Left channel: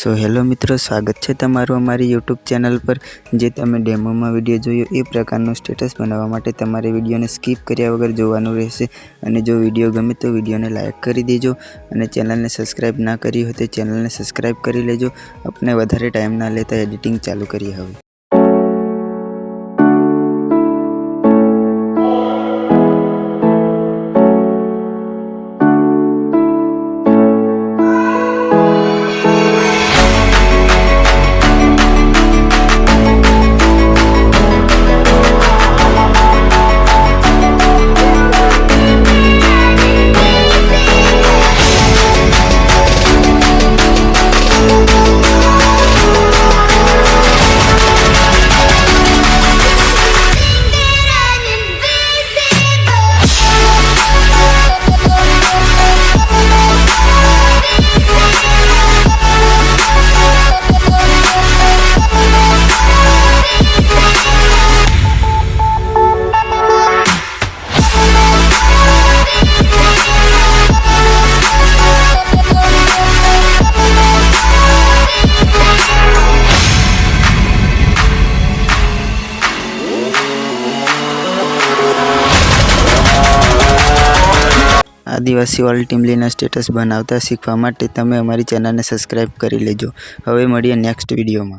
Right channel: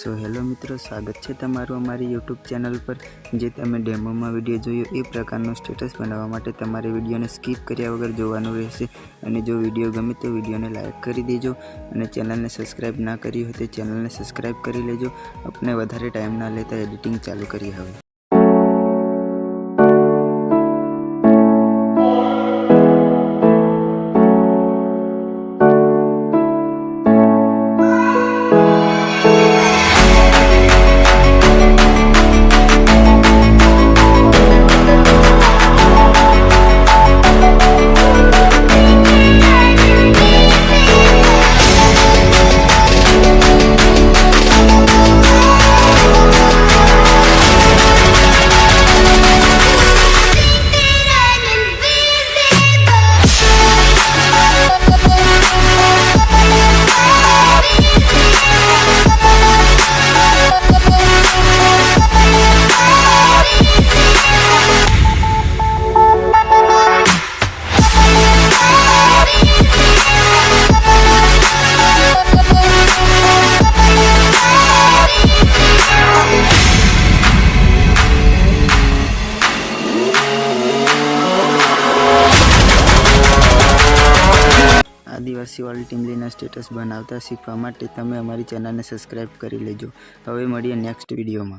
So hello मित्रों, स्वागत है तमारू अमारी यूट्यूब चैनल पर। जे तमे डेमो में विडियो जोयो ए प्रकारनो स्टेटस बनावा माटे तमारे विडियो ने स्कीप कर्या वगर जोवानुं रहेशे। अने जो विडियो गमे तो विडियो ने लाइक करी देजो अने चेनल ने सब्सक्राइब ना करी हो तो चेनल ने सब्सक्राइब करी लेजो। अपने वधारे टाइम ना लेता एडिटिंग चालू करिए हवे। आदिवासी वाली टीमलीना स्टेटस बनावता शीखवा माटे तमे अमारी चेनल ने सब्सक्राइब करी लेजो। हवे मळीए नेक्स्ट विडियो में।